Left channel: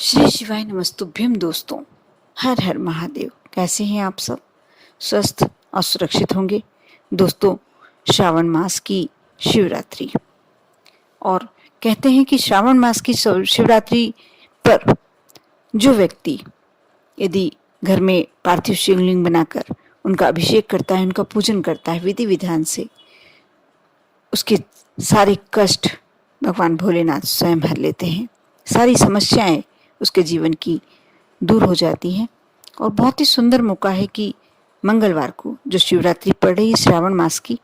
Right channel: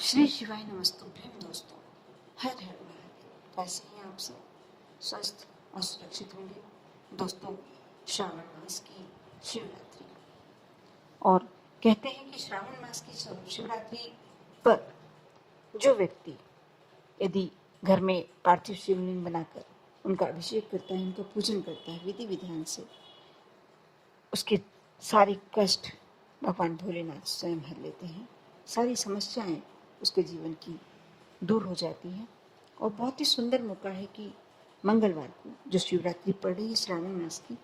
श्री शिवाय नमस्तुभ्यम दोस्तों। हर हर महादेव। कैसे हैं आप सब? स्वस्थ और सुरक्षित होंगे दोस्तों। श्रावण मास की शिवरात्रि, और कहते हैं कि श्रावण मास की शिवरात्रि पर जो व्यक्ति यदि घर में पार्थिव शिवलिंग बनाकर उनका अभिषेक करता है, उनका पूजन करता है विधि विधान से, उसके सारे कष्ट भगवान भोलेनाथ स्वयं हर लेते हैं। सारी समस्याएं उसके जीवन की दूर हो जाती हैं। और बहुत ही सुंदर मौका है कि मंगलवार को जो शिवरात्रि पड़ रही है श्रावण मास की,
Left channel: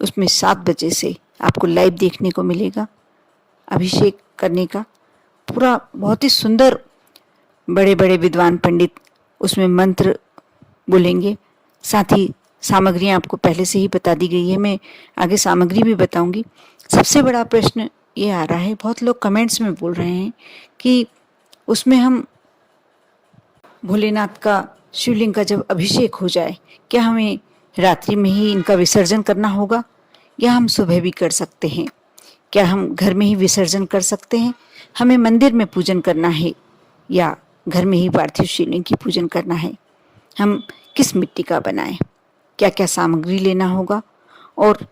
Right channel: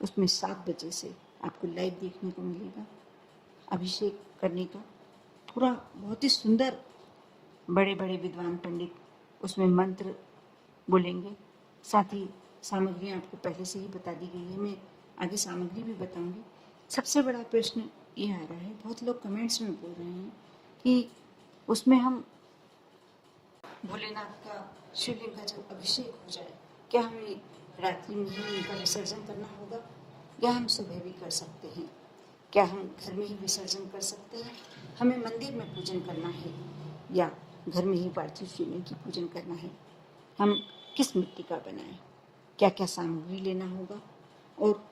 उसमें 7 बजे से आपको लाइव देखने को मिलेगा अभिषेक करने का। पूरा बहुत ही सुंदर, बड़े बड़े विद्वान पंडित उसमें मंत्र बोलेंगे। साथ ही सामग्रियाँ आपको पहले से ही बता दी गई है, मैं आगे सामग्री भी बताऊंगी। सबसे बड़ा प्रश्न ये आ रहा है, बहुत लोग कमेंट्स में बोल रहे हैं कि उसमें हम भोलेनाथ का शिवलिंग का जब अभिषेक हो जाए, क्या हमें रात्रि में ही इनका विसर्जन करना होगा या हम सुबह भी कर सकते हैं? क्या हम घर में ही विसर्जन कर सकते हैं? हमें मंदिर में पूजन करना है या घर में ही पार्थिव शिवलिंग की पूजन करना है? हम किस मिट्टी का बनाएं? क्या क्या सामग्री लेना होगा? और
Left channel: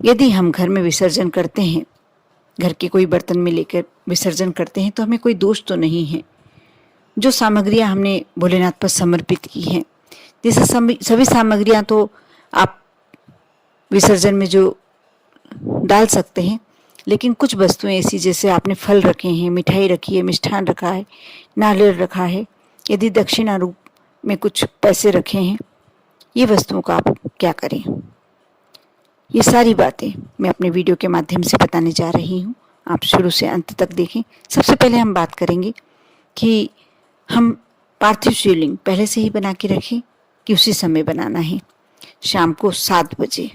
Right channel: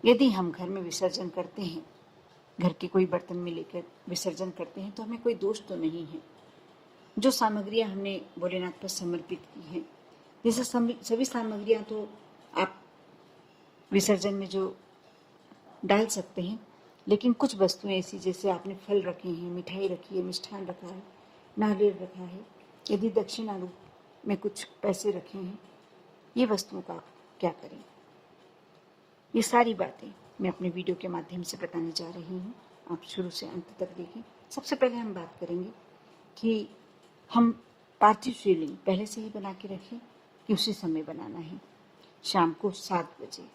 यदि हम घर में विसर्जन करते हैं, घर के कोई बर्तन में लेकर विसर्जन करते हैं, तो हमें कोई दोष तो नहीं है। जो सामग्रियां हमने भोलेनाथ पर समर्पित की हैं, जैसे सभी सामग्रियां तो आप विसर्जन में जो डाल सकते हैं, लेकिन कुछ वस्तुएं ऐसी, जैसे आपने फल रखे हैं, मिठाई रखी है, मिष्ठान रखा है, नारियल रखा है, यदि दक्षिणा रूप में कुछ पैसे रखे हैं, ये वस्तुओं का आप क्या करें? ये सारी बातें मैं अपने वीडियो के माध्यम से बताने जा रही हूँ। आप शुरू से अंत तक देखें। सबसे पहले हम बात करेंगे कि हम पार्थिव शिवलिंग पहले से ही बना के रखें कि उसी समय बनाना है। शाम को 7 बजे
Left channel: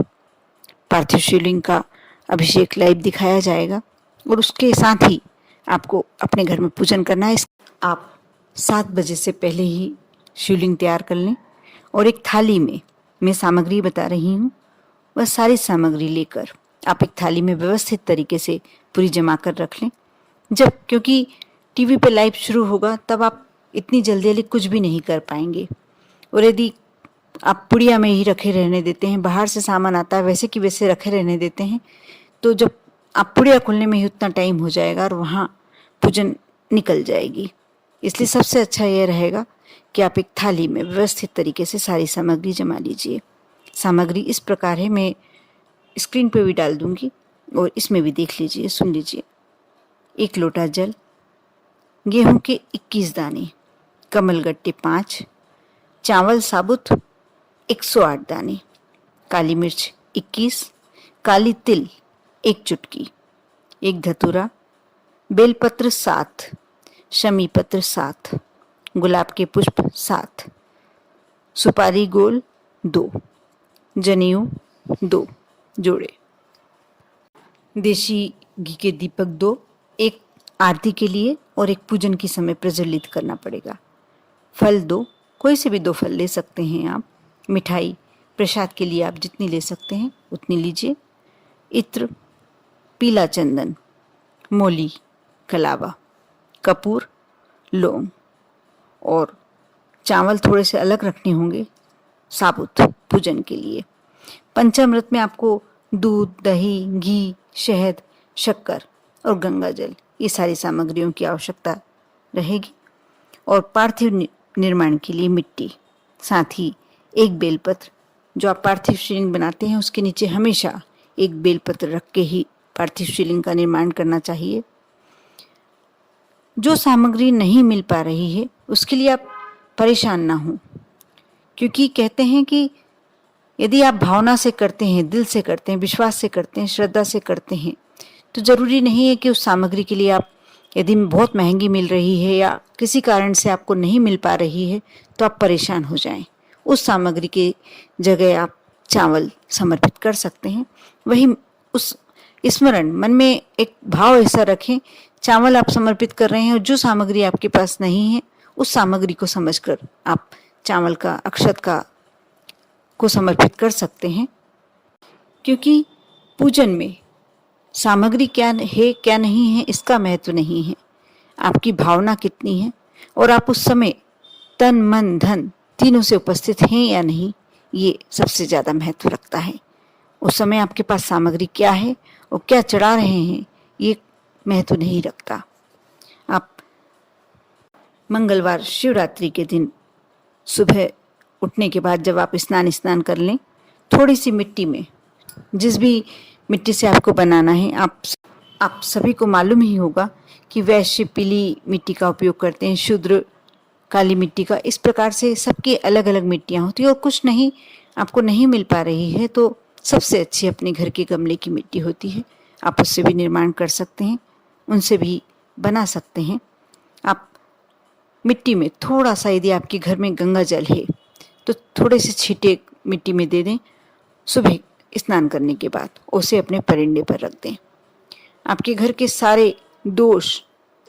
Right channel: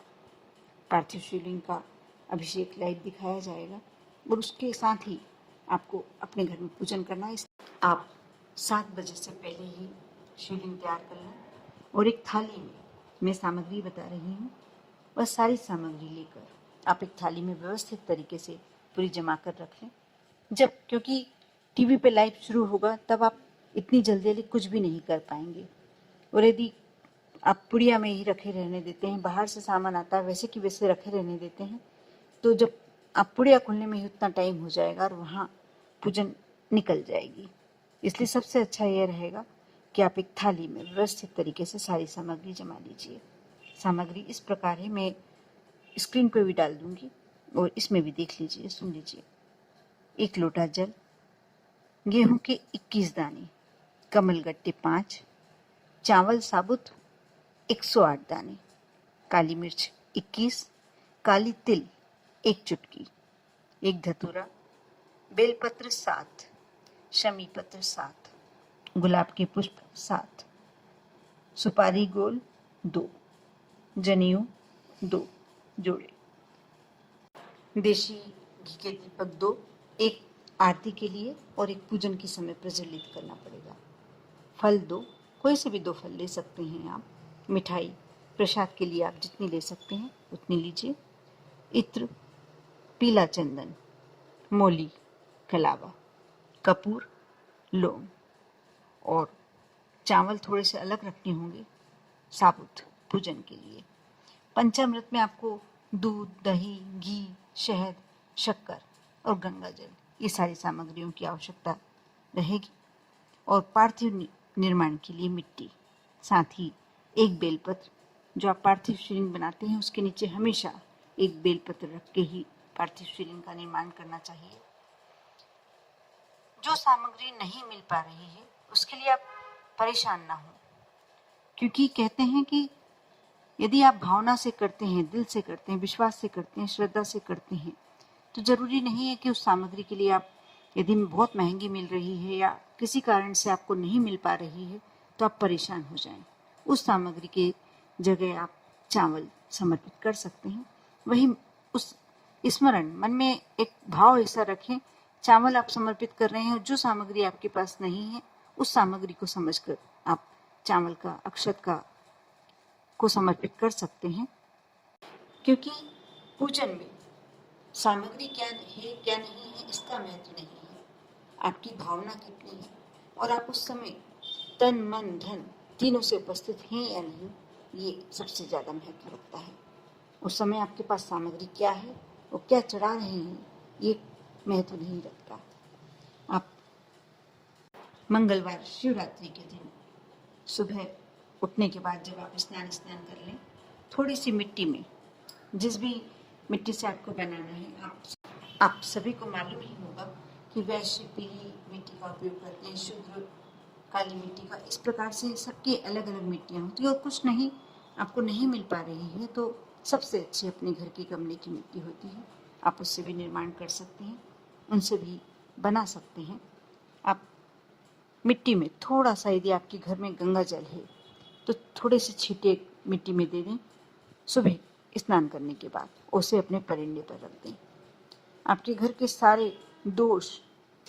पार्थिव शिवलिंग का अभिषेक लाइव दिखाया जाएगा और उसके साथ ही आपको अपने घर में पूजन करना है। आप 7 बजे से पहले ही शिवलिंग तैयार कर लें और एक थाली में, मैं सामग्री बता रही हूँ, वह सारी सामग्री लेकर आप एक थाली में व्यवस्थित तरीके से पूरी जमा कर रख लें। जब, क्योंकि टीवी पे लाइव शुरू होगा, तब आप इतनी जल्दी जल्दी कुछ भी नहीं कर पाएंगे। और यदि आप पुड़िया में ही रखे रहने देते हैं, बाहर से सामान आता है वैसे कि वैसे रखे रहने देते हैं, तो जब आप पुड़िया खोलने में ही उतना टाइम हो जाएगा और वहाँ पूजन निकल जाएगी। इसलिए सबसे अच्छा यह रहेगा कि आप एक थाली में व्यवस्थित तरीके से सारी सामग्री जमा लीजिए। सामग्री इस प्रकार है, मैं स्क्रीन पे भी डाल दूंगी और इसमें भी देख लीजिए, सुन लीजिए। 1 लोटा जल, गेहूं के 21 दाने, कमलगट्टे 5, चावल साबुत 108 दाने, काली मिर्च 21, काली तिल 1 चुटकी, 1 धतूरा, बेलपत्र 7, शमी पत्र 7, गुलाब के पुष्प 7, सुपारी गोल 2, जनेऊ 2 जोड़े, देशी घी के दीपक 2, एक आरती के लिए और एक पूजन के समय प्रज्वलित करना पड़ेगा। फल 2, कोई से भी 2 फल ले सकते हैं आप। मिठाई प्रसाद के लिए आप जितनी ले सकते हैं उतनी लीजिए। इत्र, पीला चंदन, मोली, कलावा, कपूर, लौंग, और चावल थोड़े से अलग रखने होंगे साबुत पूजन के लिए। पंचामृत में आपको दूध, दही, घी, शहद, शक्कर और गंगा जल, ये सारी सामग्रियों की आवश्यकता रहेगी। और पार्थिव निर्माण के लिए मिट्टी, साथ ही 1 बेलपत्र। जो आप पार्थिव शिवलिंग बनाते हैं उसके नीचे हमेशा 1 बेलपत्र रख के ही पार्थिव शिवलिंग का निर्माण करना चाहिए। जो सामग्री नहीं मिल पा रही है उसके लिए आप परेशान ना हो, क्योंकि कहते हैं कि यदि आप भावना से करते हैं, दिल से करते हैं, विश्वास से करते हैं, श्रद्धा से करते हैं, तो ज़रूरी नहीं है कि उस सामग्री के लिए आप, यदि बहुत महंगी मिल रही है या किसी कारण से आपको नहीं मिल पा रही है, तो आप परेशान हो जाएं। उस सामग्री की जगह आप चावल समर्पित कर सकते हैं। वही उस स्मरण मन में एक भाव ऐसा रखें, चावल आप समर्पित कर रहे हैं और जो सामग्री आपके पास नहीं है उस सामग्री को समझकर आप चावल का, अक्षत का को समर्पित कर सकते हैं। क्योंकि पूजन में सामग्री क्या है क्या नहीं है इसका महत्व नहीं है। आपकी भावना कितनी है और आप उस समय तन मन धन तीनों से उपस्थित हैं या नहीं, ये सबसे ज़्यादा महत्व रखता है। उस समय आपके पास सामग्री क्या है और क्या चढ़ा रहे हैं, ये महत्व नहीं रखता। आप मंगलवार शिवरात्रि के दिन सुबह उठने के बाद जब आप स्नान कर लें, थोड़ी सी मिट्टी में, जिस भी मिट्टी से आपको बनाना है, आप सभी को मालूम ही होगा कि वैश्य पीली मिट्टी का उपयोग करते हैं, शूद्र काली मिट्टी का। इस प्रकार से सबकी अलग अलग मिट्टियाँ होती हैं और कुछ नहीं आपको नहीं मिल पा रही है तो सबसे अच्छी अपने घर के गमले की मिट्टी होती है। आप उससे भी निर्माण कर सकते हैं, उनसे भी बना सकते हैं। आप मिट्टी में थोड़ा सा, यदि आपके घर में गंगा जल है तो थोड़े से छींटे मिट्टी में दे दें। सुबह स्नान करने के बाद उसे अपने परिंदे पर रख दें। आपके घर के सारे दोष,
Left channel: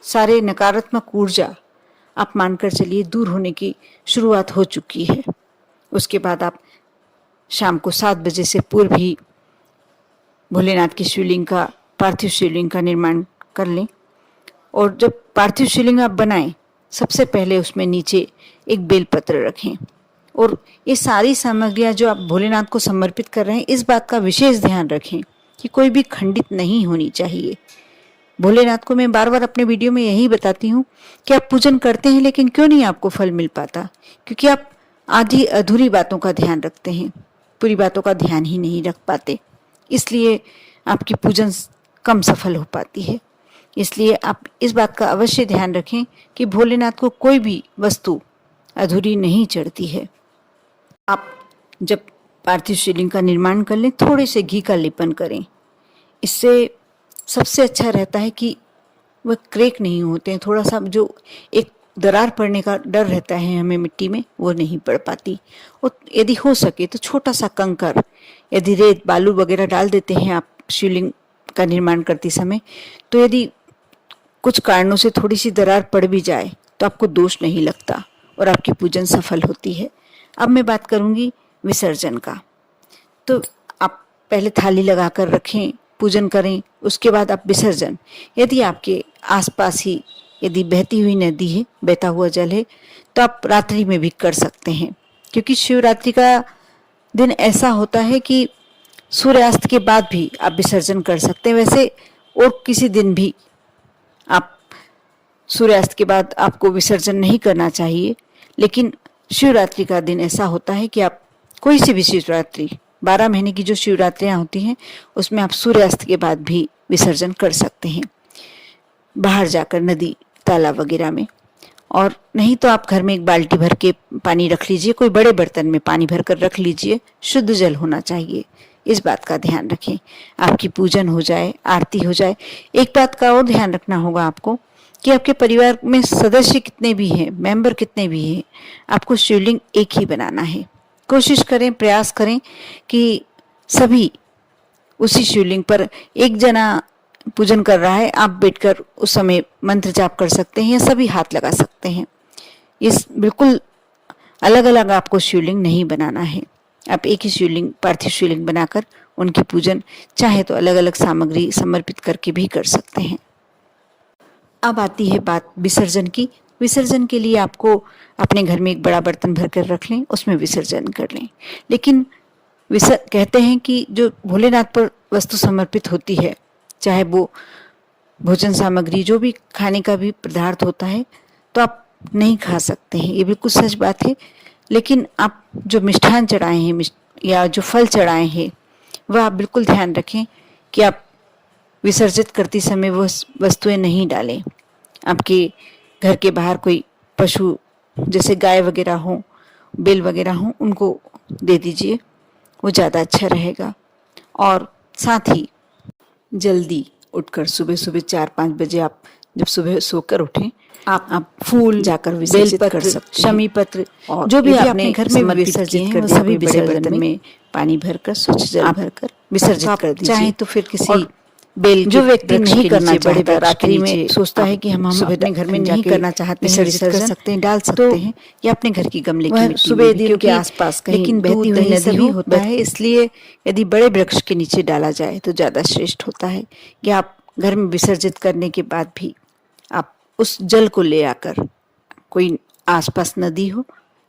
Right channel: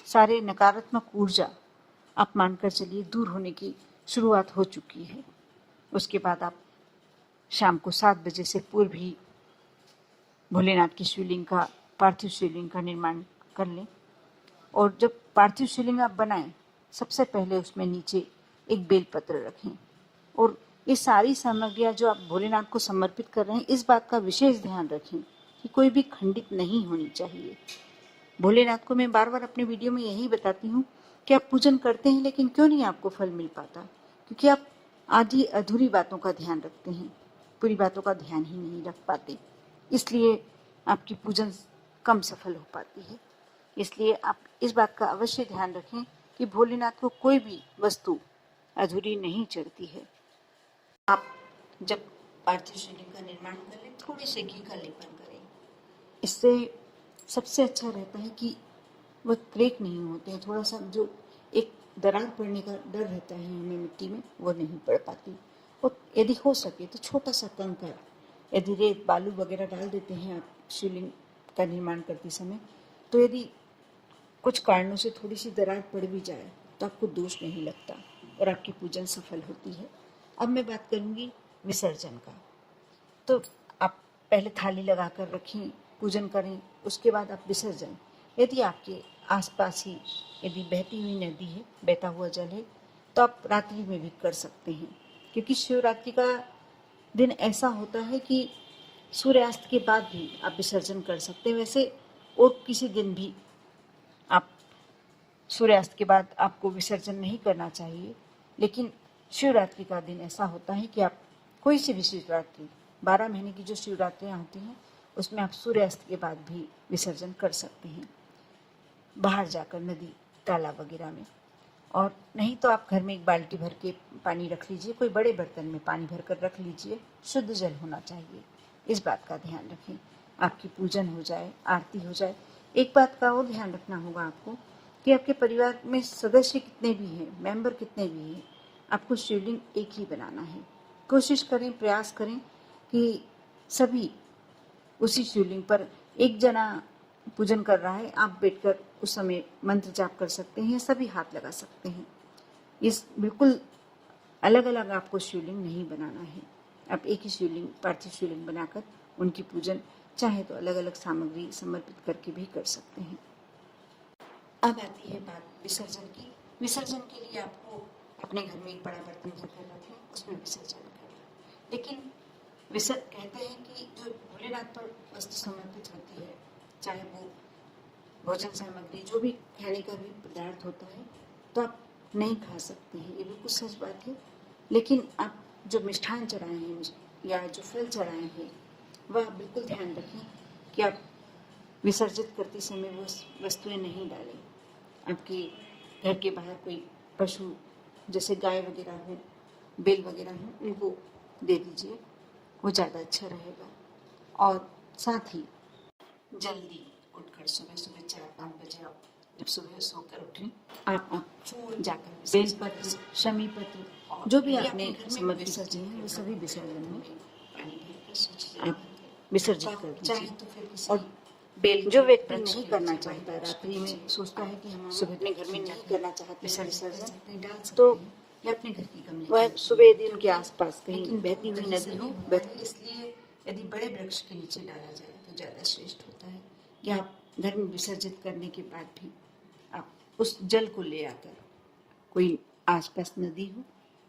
सारे नकारात्मक ऊर्जा आप मानकर चलिए दूर होने की शुरुआत हो चुकी है। उसके बाद आप शाम को 7 बजे से पूर्व ही भोलेनाथ की शिवलिंग का, पार्थिव शिवलिंग का निर्माण कर लें। और जब पार्थिव शिवलिंग आप बनाएं, सबसे पहले उसमें नीचे एक बेलपत्र रखें। और ये सारी सामग्रियाँ जो आप भोलेनाथ को समर्पित कर रहे हैं, इस बात का विशेष ध्यान रखें कि कोई भी खंडित नहीं होनी चाहिए। भोलेनाथ को मैं बार बार अपने वीडियो में यही बताती हूँ कि आप पूजन करते हैं लेकिन क्यों नहीं आपको फल मिल पाता, क्योंकि आप आधी अधूरी बातों का ध्यान रखते हैं, पूरी बातों का ध्यान ही नहीं रख पाते, इसलिए आपकी पूजन कम सफल हो पाती है। इसलिए आप इस बात का अवश्य ध्यान रखें कि भोलेनाथ को कोई भी वस्तु अधूरी नहीं चढ़ती है। आप जब पार्थिव शिवलिंग का निर्माण कर लें, थोड़े से घी का लेपन करें। इससे सबसे अच्छा रहता है कि वह क्रैक नहीं होते हैं। थोड़ा सा जो एक दरार पड़ने का डर रहता है हमें मिट्टी में, वो नहीं पड़ पाती। और यदि हो सके तो छोटा सा कंकर, यदि रेत बालू वगैरह डाल देते हैं आप शिवलिंग का निर्माण करते समय, तो यदि कुछ कारणों से थोड़ी सी दरार पड़ भी जाए तो आपको दोष नहीं लगता और आपकी पूजन सफल होती है। अब मैं बात करूंगी विसर्जन का। तो आप पहले थाली लगा कर रखें, पूजन करें, उसके बाद आप विसर्जन, यदि आपके आसपास ही यदि बहती हुई नदी है, बहता हुआ जल है, तो आप रात्रि में भी कर सकते हैं, क्योंकि शिवरात्रि का दिन ऐसा होता है कि सूर्यास्त के बाद भी आप विसर्जन कर सकते हैं। वैसे और किसी दिन भी आप सूर्यास्त के बाद आपको विसर्जन नहीं करना चाहिए, लेकिन शिवरात्रि का दिन ऐसा होता है कि आप कोई सी भी शिवरात्रि, 12 महीने की जो शिवरात्रियाँ होती हैं उसमें आप सूर्यास्त के बाद भी विसर्जन कर सकते हैं, बाहर जाकर नदी तालाब वगैरह में। और नहीं तो आप घर में एक बाल्टी भर के पानी रख लीजिए, कोई बड़े बर्तन में पानी भर कर रख लीजिए, शुद्ध जल होना चाहिए। इस बात का ध्यान रखें, आपकी पूजन हो जाए, आरती हो जाए। एक बात का और ध्यान रखना होगा आपको कि आपके परिवार में सदस्य कितने भी हैं, मेंबर कितने भी हैं, आपको शिवलिंग एक ही बनाना है। कोशिश करें, प्रयास करें कि सभी उसी शिवलिंग पर, एक जना पूजन कर रहा है, आप बैठकर उस समय मंत्र जाप कर सकते हैं या सभी हाथ लगा सकते हैं। इस बिल्कुल अलग अलग आपको शिवलिंग नहीं बनाना है। आप एक ही शिवलिंग, पार्थिव शिवलिंग बनाकर उनकी पूजन चाहे तो अलग अलग सामग्री समर्पित करके भी कर सकते हैं। अब आती है बात विसर्जन की। विसर्जन के लिए आपको अपने घर में एक बड़ा बर्तन भर कर रख लें, उसमें विसर्जन कर लें। लेकिन कहते हैं कि जो भोलेनाथ पर वस्तु समर्पित होती है, चाहे वो भोजन सामग्री, जो भी खाने का भी पदार्थ होता है, तो आप नहीं खा सकते हैं, ये बिल्कुल सच बात है। लेकिन आप जो मिष्ठान चढ़ाए हैं या जो फल चढ़ाए हैं, वह आप बिल्कुल ध्यान रखें कि आप विसर्जित करते समय वो वस्तुएं नहीं डालें। आपके घर के बाहर कोई पशु जैसे गाय वगैरह हो, बैल वगैरह हो, उनको दे दीजिए, वो ज़्यादा अच्छा रहेगा। और साथ ही जल्दी उठकर सुबह सुबह 4-5 बजे आप जब सुबह सोकर उठें, आप फूल जाकर विसर्जित कर सकते हैं। शमी पत्र और जो भी आपने घर में विसर्जित कर सभी बड़े बर्तन में पानी भरकर, स्वच्छ जल भरकर विसर्जित कर दीजिए। चाहे तो फिर किसी बेल, जो व्यक्ति नहीं करना चाहता, रात्रि में सोचता है कि हम अपने घर में नहीं करना चाहते हैं, विसर्जित कर सकते हैं, डाल सकते हैं, या अपने घर की गमले की मिट्टी सुबह दिन के आसपास कहीं, लेकिन बहती हुई नदी भी होता है, इसलिए यदि बड़े वृक्ष के नीचे डाला जाए तो ज़्यादा श्रेष्ठ होता है। या आप घर में विसर्जित करने के बाद भी आप उस जल को ले आकर, कोई आसपास नदी हो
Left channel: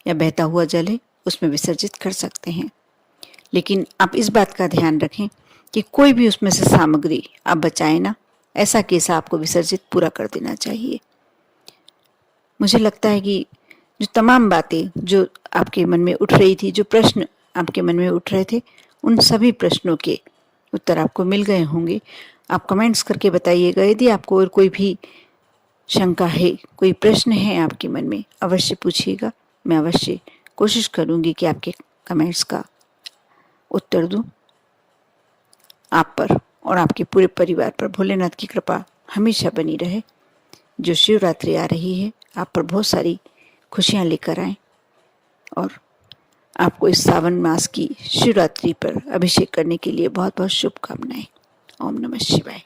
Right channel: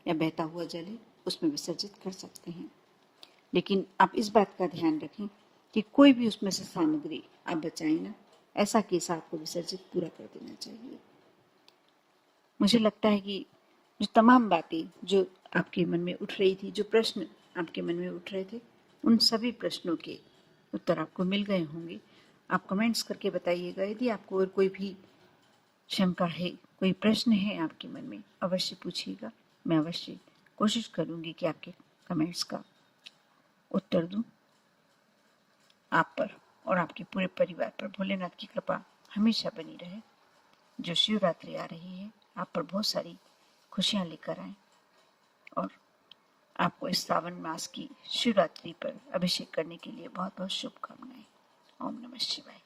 या बहता हुआ जल है, उसमें विसर्जित कर सकते हैं। लेकिन आप इस बात का ध्यान रखें कि कोई भी उसमें से सामग्री आप बचाएं ना, ऐसा केस आपको विसर्जित पूरा कर देना चाहिए। मुझे लगता है कि जो तमाम बातें जो आपके मन में उठ रही थी, जो प्रश्न आपके मन में उठ रहे थे, उन सभी प्रश्नों के उत्तर आपको मिल गए होंगे। आप कमेंट्स करके बताइएगा। यदि आपको और कोई भी शंका है, कोई प्रश्न है आपके मन में, अवश्य पूछिएगा। मैं अवश्य कोशिश करूंगी कि आपके कमेंट्स का उत्तर दूं। आप पर और आपके पूरे परिवार पर भोलेनाथ की कृपा हमेशा बनी रहे। जो शिवरात्रि आ रही है, आप पर बहुत सारी खुशियां लेकर आए और आपको इस सावन मास की शिवरात्रि पर अभिषेक करने के लिए बहुत बहुत शुभकामनाएं। ओम नमः शिवाय।